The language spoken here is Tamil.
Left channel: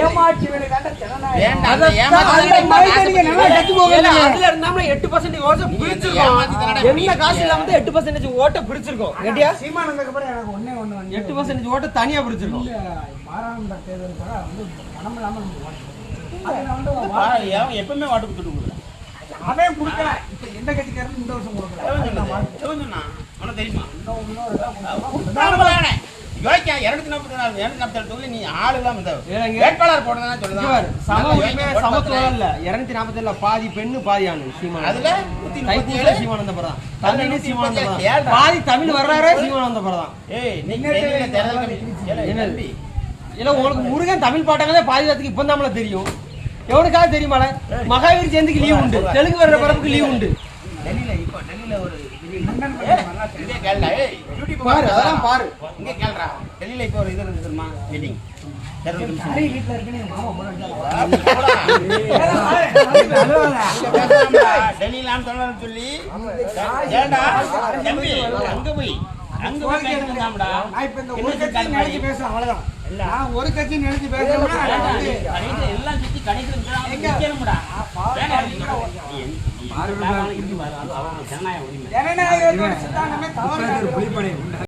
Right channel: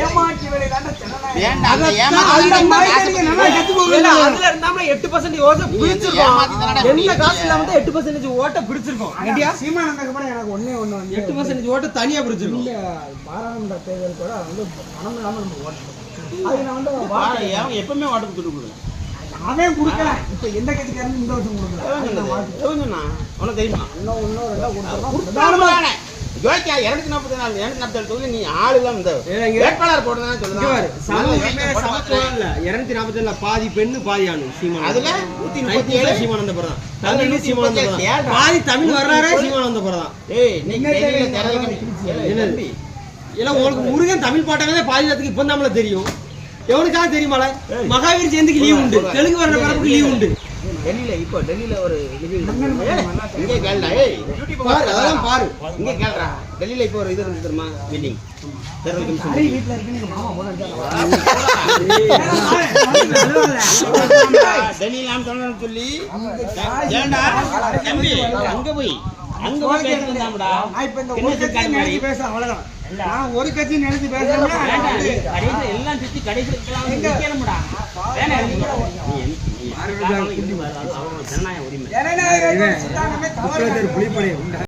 ஏமாற்றி விலை கண்ட ஜனநாயகம். அதுல இருந்தாம 8% ஓட்ட பிடிச்சிருக்கோம். என்ன காசு இல்லாம 8% ஓட்ட பிடிச்சிருக்கோம். கேட்டியா? சீமான் வந்ததுக்கு அப்புறம் எனக்கு ஒண்ணே ஒண்ணு வந்து 8% ஓட்ட தனியா பிடிச்சிருக்கோம். மாறாண்ட தேர்தல் கூட வந்து பணம் இல்லாம நம்ம ஓட்டு எப்பவுமே ஓட்ட கொடுக்க முடியும். அவன் கொடுக்கல. இப்ப எந்த கட்சிக்காரனும் இந்த வருஷம் கொடுக்கல. உனக்கு தெரியுமா? இன்னும் யோசிக்கா 247 தொகுதி நீ ஆள் எல்லாம் இந்த வேட்பாளர் போடுறதுன்னு சொல்லுவாரு. சம உரிமை சமத்துவம் இல்ல. 247 பாதி பெண்ணு பாதி ஆணு. சீமான் அதுல சீமான் வந்த பிறதான் தமிழ் சீமான் வந்த பிறதான் பாதி தமிழ் வர்றாரே சீமான் வந்த பிறதான். இல்ல உங்களுக்கு முருகன் தமிழ் பாட்டாங்களே பாதி பேத்துக்கு இப்ப நம்மள தெரியும். எவனுக்காக தெரியுமால? மகாவீர் ஜெயந்திக்கு லீவ் உண்டு, தெலுங்கு வர்ற படத்துக்கு லீவ் உண்டு. டெல்லியில இப்போ டெல்லியில ஒரு இது இங்கே கேளடா. பாரு அதெல்லாம் பாரு. இங்கே கேளடா. டெல்லியில இப்போ ஒரு இது இருக்குமா மீட்டிங். வீட்டுல இருக்கு. நீங்க மாமா போன டெல்லியில நான் சொல்லணும்னு சொல்லி ஏண்டா தம்பி அங்க போய் பேசலாம்டா. நான் இப்ப இந்த ஒரு கட்சி நினைச்சு பேசுறேன் அவ்வளவுதான். நான் ஒரு கட்சி நினைச்சு பேசுறேன். எல்லாம் சுத்தி கடைசி நிக்கணும்டா. ஜனநாயக உரிமை ஜனநாயக சித்தாந்தமே தவறு.